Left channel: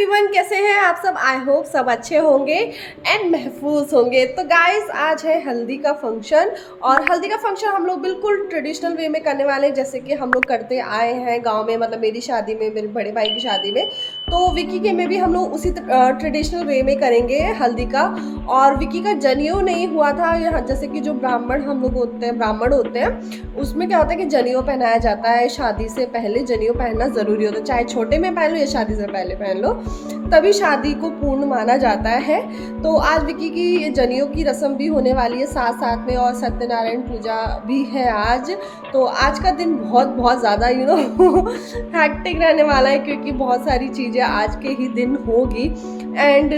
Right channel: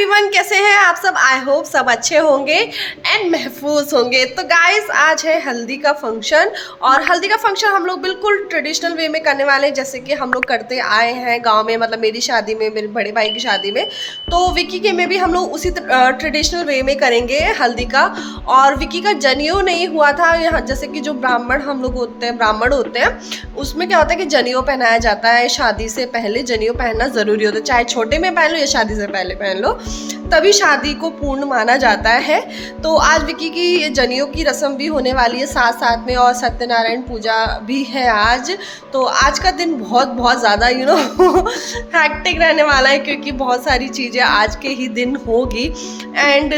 Everyone, कैसे हैं आप सब। आई होप सब अच्छे होंगे एंड महफूज होंगे। तो गाइस, आज है हल्दी का फंक्शन और हल्दी का फंक्शन हम लोग बिल्कुल ट्रेडिशनल वे में करने वाले हैं, जैसे कि हम लोग करते आए हैं गांव में। मतलब मेरी शादी में, मेरे बड़े भाई की शादी में, तो विकी के में भी हम लोग उसी ट्रेडिशनल वे में करेंगे हल्दी का। और विकी का जनेऊ नहीं हुआ था यहाँ, जैसे कि जो ब्राह्मण हम लोग होते हैं, ब्राह्मण होते हैं, उसमें क्या होता है कि जनेऊ पहनाया जाता है। शादी से पहले जनेऊ पहनना ज़रूरी होता है, चाहे छोटे में पहन लो या शादी से पहले पहन लो, तभी शादी को पूर्ण माना जाता है। तो आज विकी की जनेऊ की रस्म भी होने वाली है साथ साथ में, और सत्यनारायण पूजा भी है आज। तो आज का दिन बहुत बहुत ज़्यादा हैक्टिक रहने वाला है, क्योंकि बहुत सारी चीज़ें आज के ही दिन होगी। एंड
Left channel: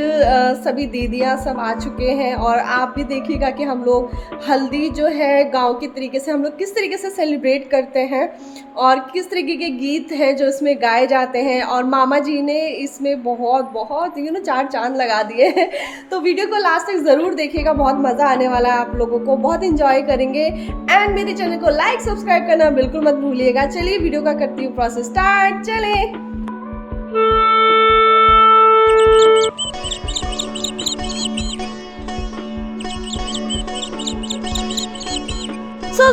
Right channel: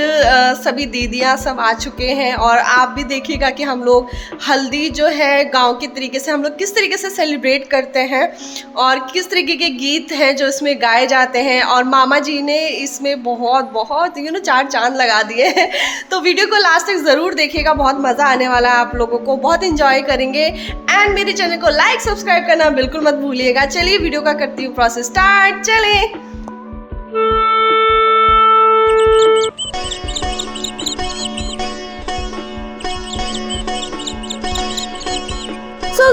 सभी दीदियाँ सब आ चुके हैं, और आप भी देखिएगा कि हम लोग हल्दी जो है गांव के तरीके से हम लोग किस तरीके से सेलिब्रेट करते हैं, और किस तरीके के गीत हैं जो इसमें गाए जाते हैं। और मामा जी ने इसमें बहुत बहुत चार चांद लगा दिए हैं। तो वीडियो को लास्ट तक ज़रूर देखिएगा, बहुत मज़ा आने वाला है, आप लोगों को बहुत इंजॉय करेंगे। एंड मेरे चैनल को लाइक सब्सक्राइब करना बिल्कुल मत भूलिएगा। चलिए वीडियो का करती हूँ प्रोसेस स्टार्ट। चलें।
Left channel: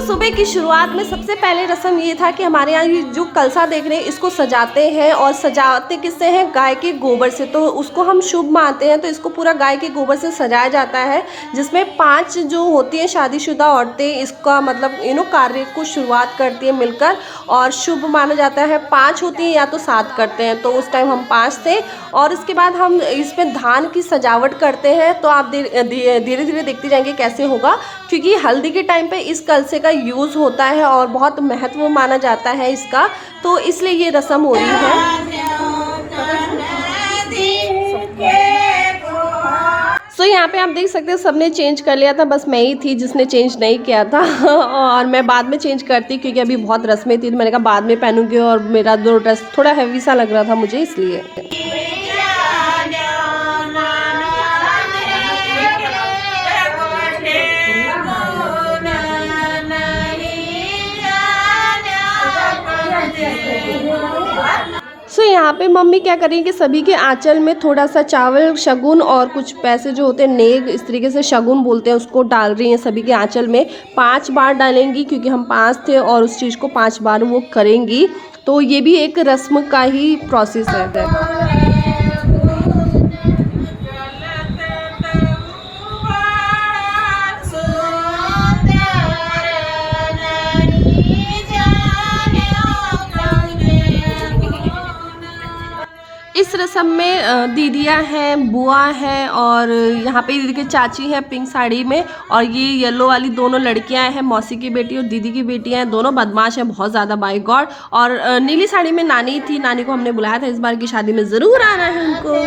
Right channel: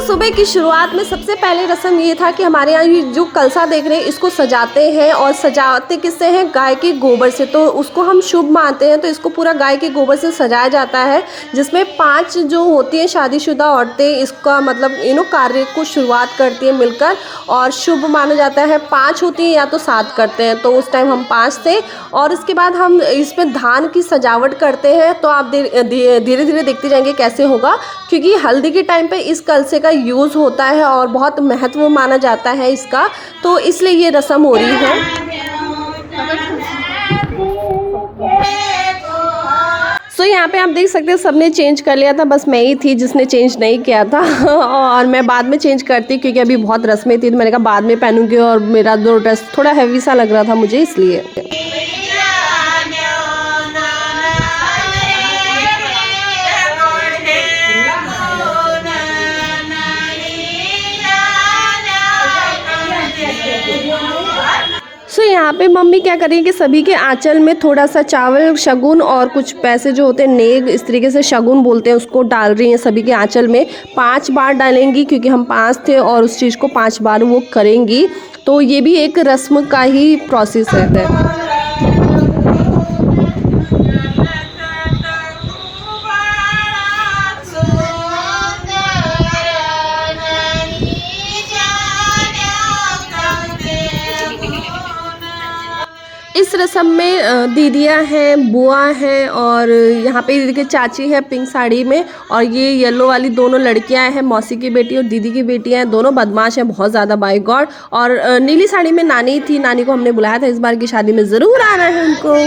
सुबह की शुरुआत में सबसे पहले रस्म ये था कि हमारे यहाँ ये जो कलसा देख रहे हैं इसको सजाते हैं, और सजाते किससे हैं, गाय के गोबर से। तो उसको हम शुभ मानते हैं, तो इसको पूरा गाय के गोबर से सजाया जाता है, जिसमें 5 जो होती हैं शादीशुदा औरतें इसका मतलब कार्य को शुरुआत करती हैं मिलकर, और शुभ माना जाता है। 5 होती हैं या तो 7 करते हैं, तो उस टाइम हम 5 थे। और इसके बाद हम इसमें धान की सजावट करते हैं। तो आप धीरे धीरे देखते जाएंगे कैसे होगा, क्योंकि हल्दी के टाइम पे इस कलसे का यूज़ होता है और बहुत महत्व माना जाता है इसका, तो इसलिए ये रस्म हो रही है। तो यहाँ पे आप देख सकते हैं सबने चेंज कर लिया था, बस मैं ही थी जिसने चेंज नहीं किया था। और मैं बाद में चेंज करती, क्योंकि अभी बहुत रस्में थी, तो मैंने कहा बाद में पहनूंगी, और मेरा जो ड्रेस थोड़ा हैवी सा लग रहा था मुझे, इसलिए। यहाँ पे मम्मी क्या करेंगे कि सभी के आंचल में थोड़ा सा चावल, शगुन और कुछ पैसे जो होते हैं, नेग इस तरीके से शगुन बोलते हैं, उसको डाल रही हैं सभी के आंचल में। 5 बार डालेंगी, क्योंकि हम 5 थे और उस चीज़ को 5 बार वो करेंगी। तो ये भी एक रस्म का ही प्रोसेस है। इस रस्म में दीदियाँ हैं, बुआ हैं, और यहाँ पे दीदी की चाची है पिंक साड़ी में, और ये येलो वाली दोनों लड़कियाँ हैं, मौसी की बेटी और दीदी की बेटियाँ हैं। दोनों बदमाश हैं बहुत ज़्यादा, बाय गॉड। और नीली साड़ी में नानी थी, नानी को हमने बुलाया था इस बार की शादी में, ज़रूर आना है उनको।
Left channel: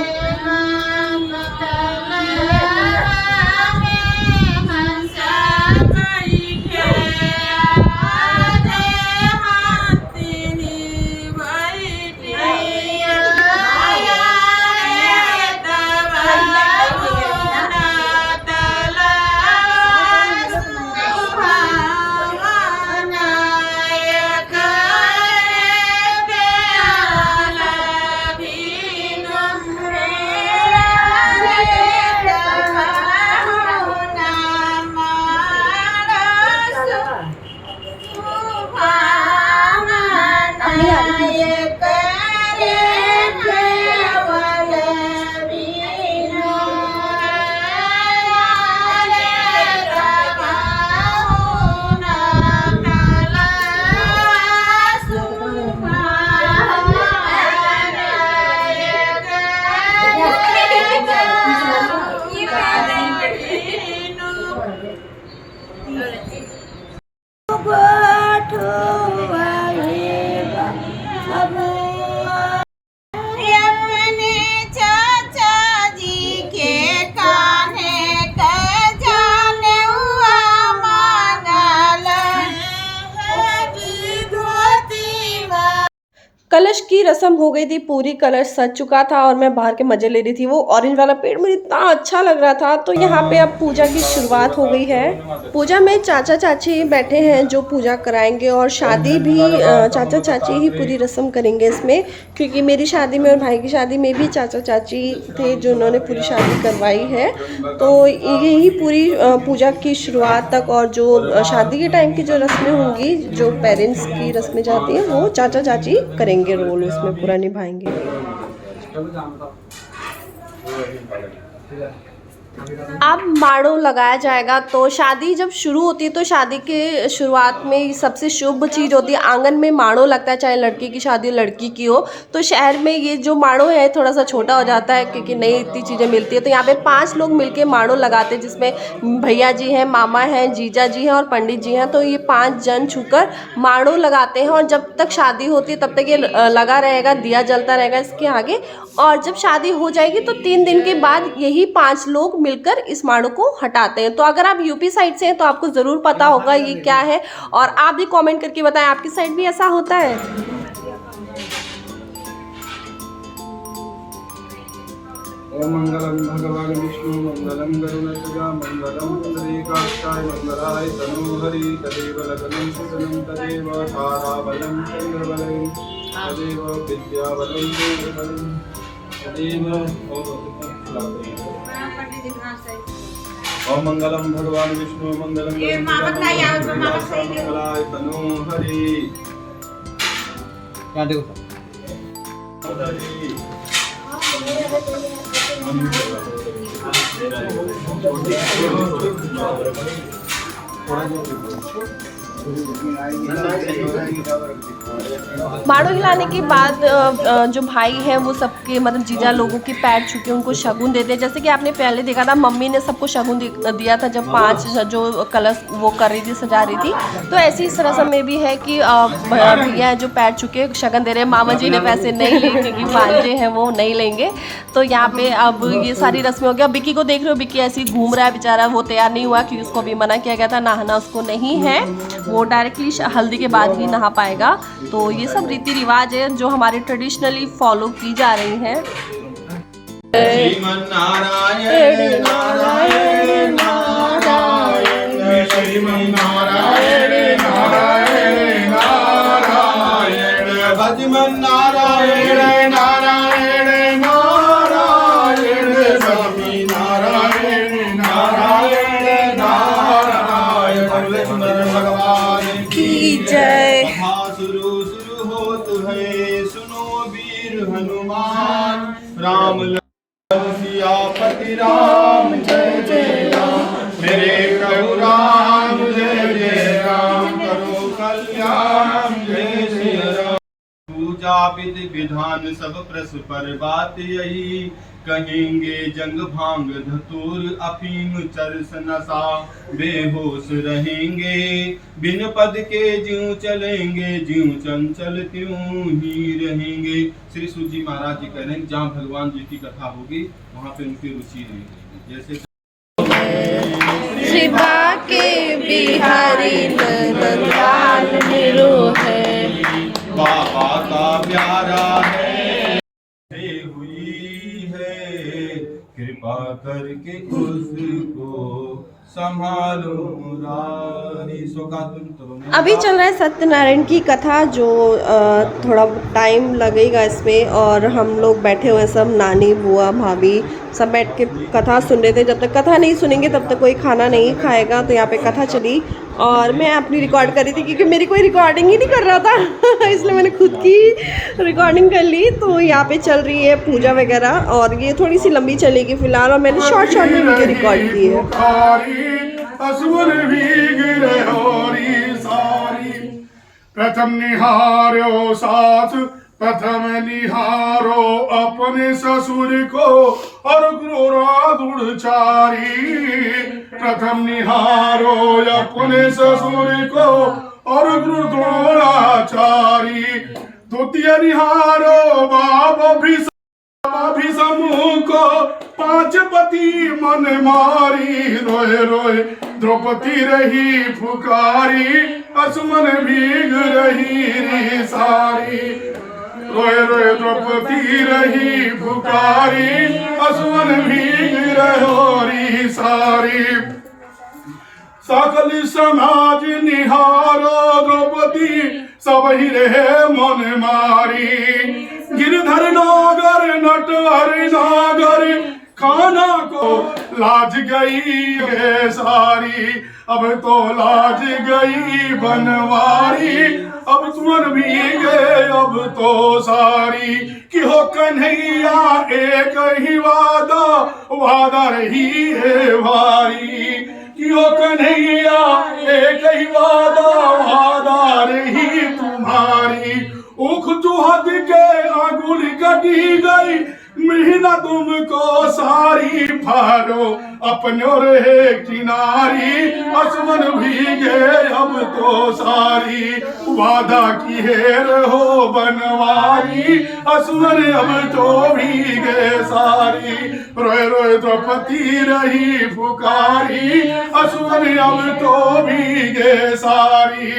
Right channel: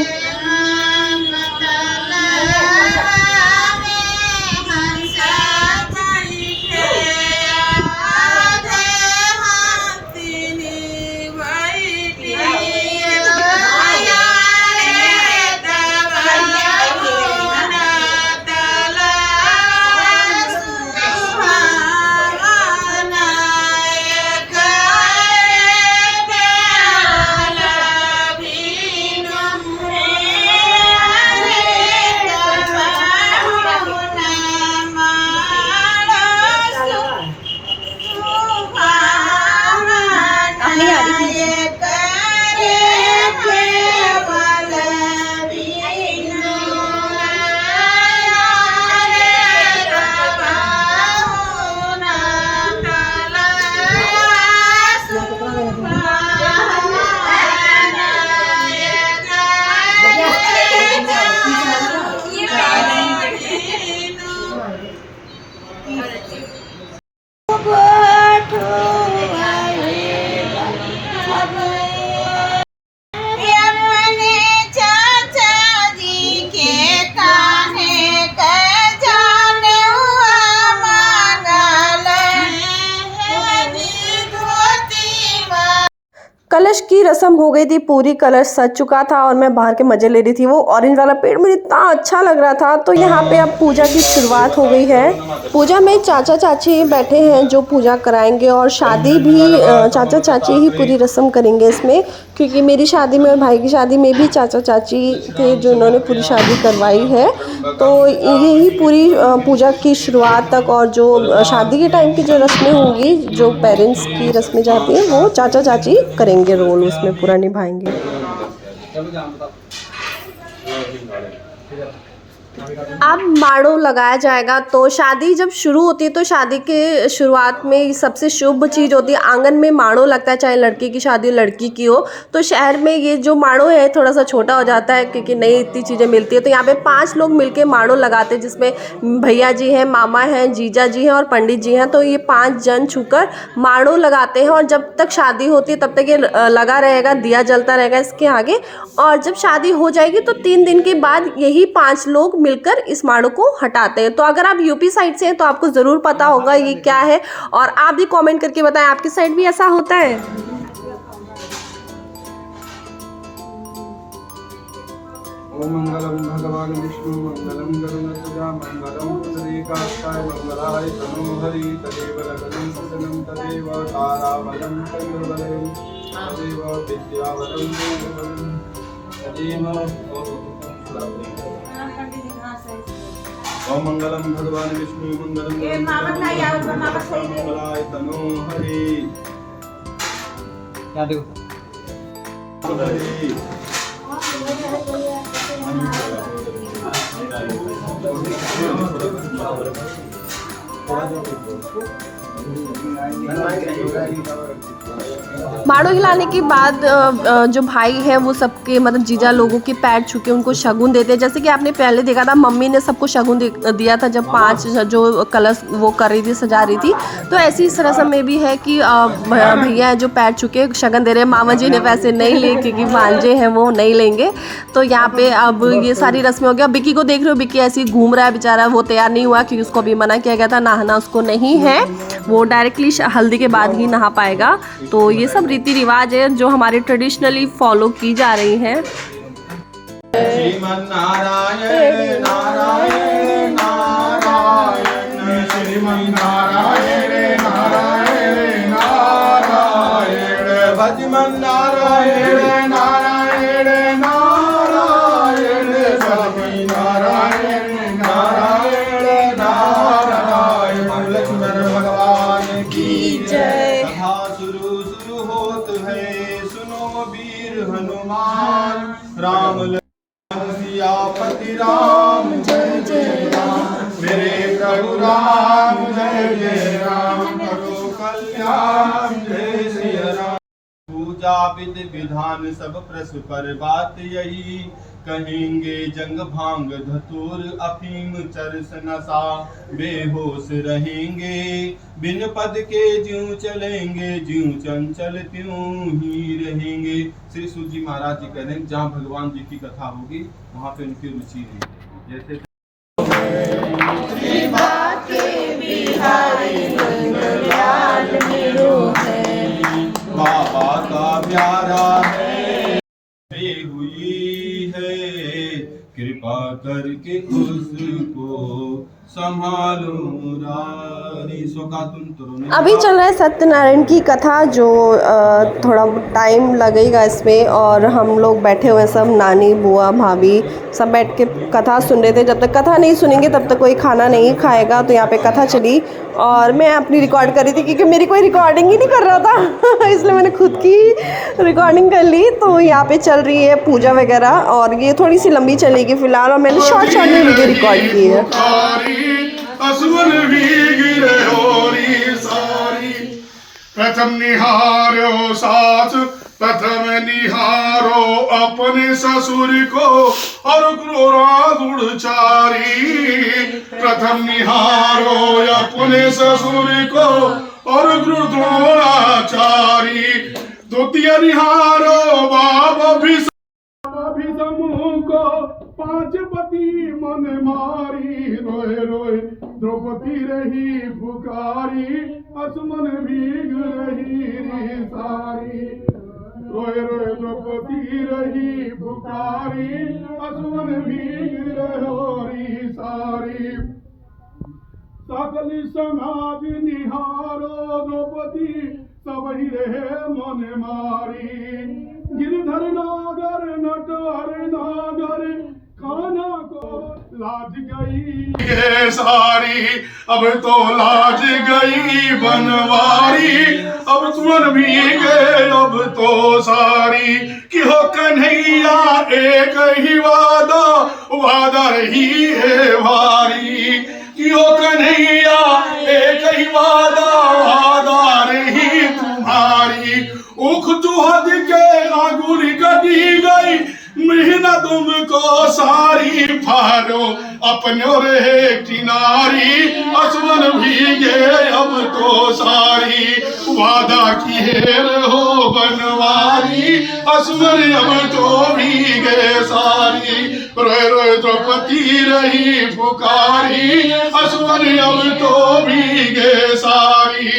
कलश की रस्म हो गई थी पूरी, कलश सज चुका था और मैं बाहर के मजे ले रही थी। वो ऑरेंज वाला पेड़ मुझे इतना अच्छा लग रहा था। तो यहाँ पे अब पूजा की शुरुआत हो गई है। पूजा में चाचा चाची बैठे हैं जो पूजा कराएंगे, और शादी भी चाचा चाची ही पूरी रस्म करेंगे इसमें, क्योंकि मेरी शादी में और भाई की शादी में भी चाचा चाची थे जो उन्होंने पूरी शादी करवाई है। तो यही पूरी पूजा की शुरुआत तक और जो शादी के टाइम की जो रस्में होंगी, जो पेरेंट्स की रस्में जाती हैं, वो चाचा चाची करेंगे, रोल उसमें पूरा निभाएंगे। अब माड़ो लगाया जाएगा। तो शादी जब शुरू होती है तो शादी के शुरुआत में सबसे शुभ चीज़ होती है, आंगन में माड़ो लगता है, चाहे लड़की की शादी हो लड़की की हो। तो शहर में ये जो माड़ो है थोड़ा सा छोटा हो जाता है क्योंकि नहीं इतनी चीज़ें मिलती है। तो यहाँ पे 5 लोग मिलके माड़ो लगाते हैं, जिसमें भैया जी हैं, मामा हैं, जीजा जी हैं और पंडित जी हैं। तो ये 5 जन छूकर माड़ो लगाते हैं, और जब तक शादी होती है तब तक ये लगा रहेगा, दिया जलता रहेगा इसके आगे। और जब शादी हो जाएगी तो 3 दिन के बाद यही 5 लोग मिलकर इस माड़ो को हटाते हैं। तो अगर आप यूपी साइड से हैं तो आपको ज़रूर पता होगा ये क्या है, और आप भी कमेंट करके बताएं आपकी साइड भी ऐसा होता है। ओम मंगलम भगवान विष्णु मंगलम गरुड़ध्वजा मंगलम पुंडरीकाक्षाय मंगलाय तनोहरि तदेव लग्नं सुसनं तदेव ताराबलं चंद्रबलं तदेव विद्याबलं देवबलं तदेव। ओम मंगलम भगवान विष्णु मंगलम गरुड़ध्वजा मंगलाय तनोहरि। क्या देखो माड़ो हिलाने के बाद जो भाई हैं वो सबके मतलब जीजा लोगों के पैर छू के उनको शगुन देते हैं। जैसे कि आपने पहले देखा था मम्मी ने सबको शगुन दिया था जब 5 जो कलश वो कर रही थी, सजा रही थी। तो ऐसी इस रस्म में भी है कि भैया जो पैर छू के शगन दे रहे हैं। मामा जी ने वैसे नहीं ली क्योंकि भांजे हैं वो नहीं लेंगे। तो यहाँ पे अब ये सारी रस्में हो गई। अब बिक्की को देख रहे हो, बिक्की ऐसी घूम रहा है बेचारा, वो तैयार नहीं हुआ क्योंकि उसको भी मना किया गया था, नहाना उसको नहीं है, वो डायरेक्टली हल्दी के बाद ही नहा पाएगा। तो ये सब रीति रिवाज है जो हमारे ट्रेडिशनली फॉलो की जा रही हैं। श्रीमन नारायण नारायण नारायण श्रीमन नारायण नारायण नारायण भजमन नारायण नारायण नारायण स्वामी नारायण नारायण नारायण। बोले सुंदर भगवान की जय। कथा शुरू शुरू होत है, सुनो वीर हनुमान राम सियापति राम जय जय राम। मेरे प्रभु राम जय जय राम, करो कल्याण जय श्री राम। पूजा विधि विधान सब परस्पर बात यही, कहेंगे जंग भांग धतूर अफीम चरस नशा, बेहोश रहेंगे बिन पद के ज्यों चलेंगे, ज्यों चंचल त्यों ही रहेंगे। श्री सूत जी महाराज जी कह रहे हैं जहाँ भगवान जी की कथा होगी वहाँ पे उनकी रुचि रहेगी। जैसे श्री बाके बिहारी लाल मेरो है, बाबा का प्यारा है हुई है, कृपा करके उसको संभालो रानी। अभी चल रहा है सत्यनारायण की कथा, जो थोड़ा टाइम लगेगा इसमें, और हम लोग बैठे हुए सब नानी बुआ भाभी सब बैठ के कथा सुन रहे थे। जब तक कथा नहीं सुनेंगे तब तक कोई खाना नहीं खाएगा। तो यहाँ पे कथा चली और मैं अपनी रिकॉर्ड कर रही थी क्योंकि मेरी कोई रिकॉर्डिंग ही नहीं कर रहा था इसलिए मैंने खुद की रिकॉर्डिंग कर ली। तो यहाँ पे चल रही है पूजा वगैरह, और ये थोड़ी सी लंबी चलेगी फिलहाल, और मैंने शॉर्ट में वीडियो रिकॉर्ड की है। प्रथम निहारो सास, प्रथम निहारो अपने ससुर को और गुरुचारी। प्रथम निहारो अपने ससुर को और गुरुचारी। द्वितीय निहारो बाबा भी समूह को, 5 पति मन मारी। रोए रोए द्रौपदी रही फुकारी, असमन भीग रही री सारी। रोए रोए द्रौपदी रही पुकारी, असुवन भीग रहोरी सारी। सकल समाज निहारो द्रौपदी, सब ही रहे मन मारी। गिरधर नागर नटवर नागर, खाना को लाज गई है सारी। अब तो लाज गई बनवारी, अब सुन भी गए अब तो सारी। कि हो कन्हैया एक ही वादा, वादा रही है भारी। कि हो कन्हैया एक ही वादा, वादा रही तुम्हारी। उख चुहद के आंगुल कटी गई, महीना तुमको सारी। फारो अपनो रहे किनारी, असवन भीगे अब तो सारी। वादा किए रहो बनवारी, असवन अब तो भीगे सारी। रोए रोए द्रौपदी रही पुकारी, असवन अब तो भीगे सारी।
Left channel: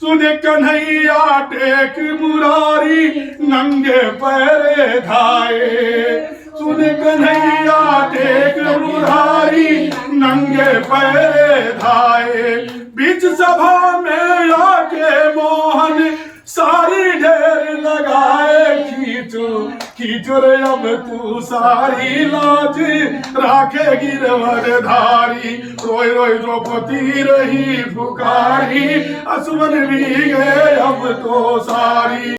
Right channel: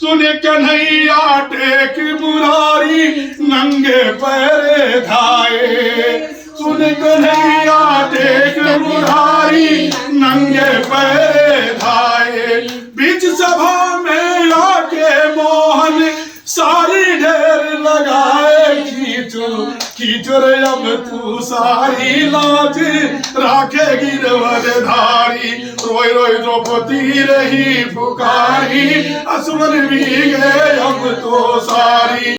सुने कन्हैया टेक मुरारी, नंगे पैरे धाए। सुने कन्हैया टेक मुरारी, नंगे पैरे धाए। बीच सभा में आके मोहन, सारी ढेर लगाए। खींचो खींचो रे अब तू सारी, लाज राखे गिरवर धारी। रोए रोए द्रौपदी रही पुकारी, असुमन भी गए अब तो सारी।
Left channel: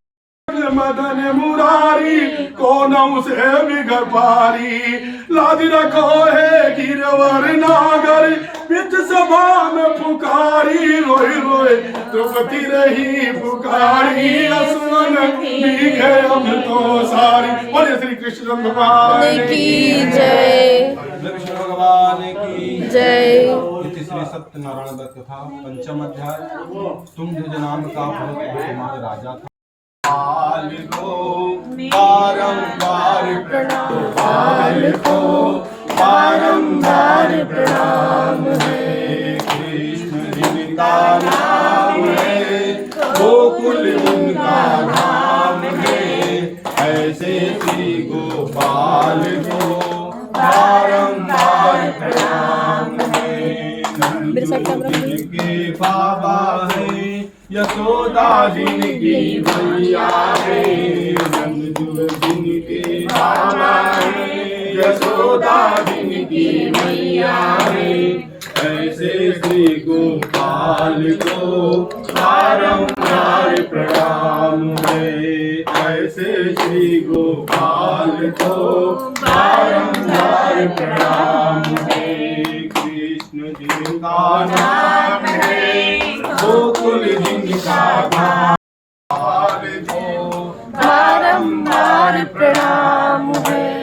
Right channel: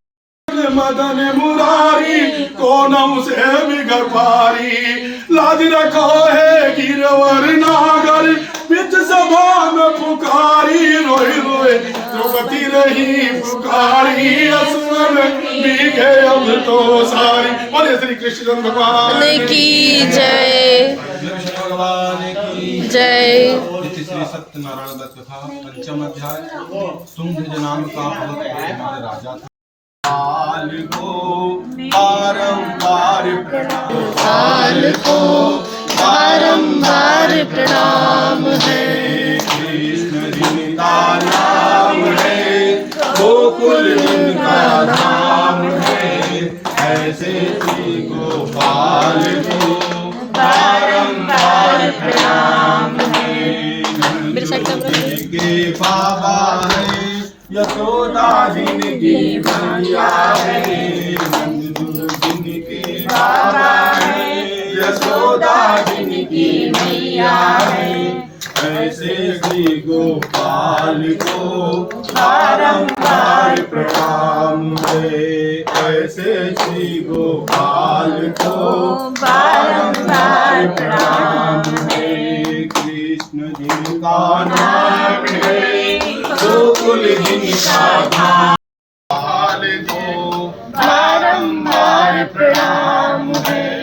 मदन मुरारी को नौ से बिगड़ पारी, लाज रखो है गिरवर नागर, बिच सभा में पुकारी। रोए रोए द्रौपदी रही पुकारी, असुमन भी गए अब तो सारी। बोले श्री कृष्ण भगवान की जय। कृष्ण भगवान की जय। इति श्री सत्यनारायण दत्त कथा पंचम अध्याय। तुम ध्वज नाम का बहुत हमारे राजा था। काल को बारंबार प्रणाम, काल को बारंबार प्रणाम है। कृष्ण जिनका नाम है, गोकुल जिनका नाम है। ऐसे श्री गोपाल को बारंबार प्रणाम है। नंद के बाबा है, यशोदा जिनकी मैया है। नंद जिनके बाबा है, यशोदा जिनकी मैया है। ऐसे श्री गोपाल को बारंबार प्रणाम है। ऐसे श्री गोपाल को बारंबार प्रणाम है। कृष्ण जिनका नाम है, गोकुल जिनका धाम। को बारंबार प्रणाम है।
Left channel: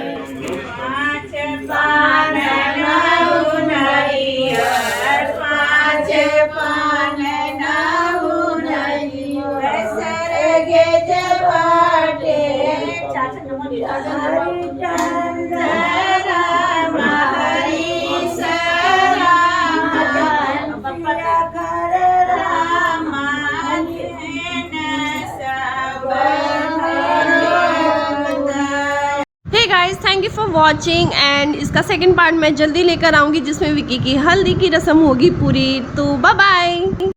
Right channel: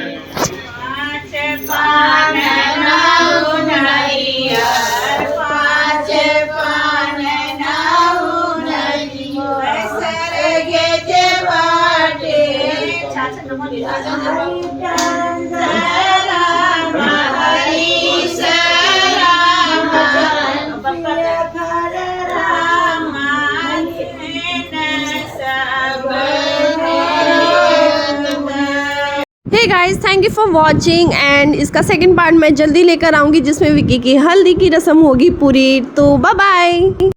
Hey guys, thank you for watching and इसका सेकंड पार्ट मैं जल्दी लेकर आऊँगी जिसमें विक्की की हल्दी की रस्म होगी पूरी। तो बाय बाय।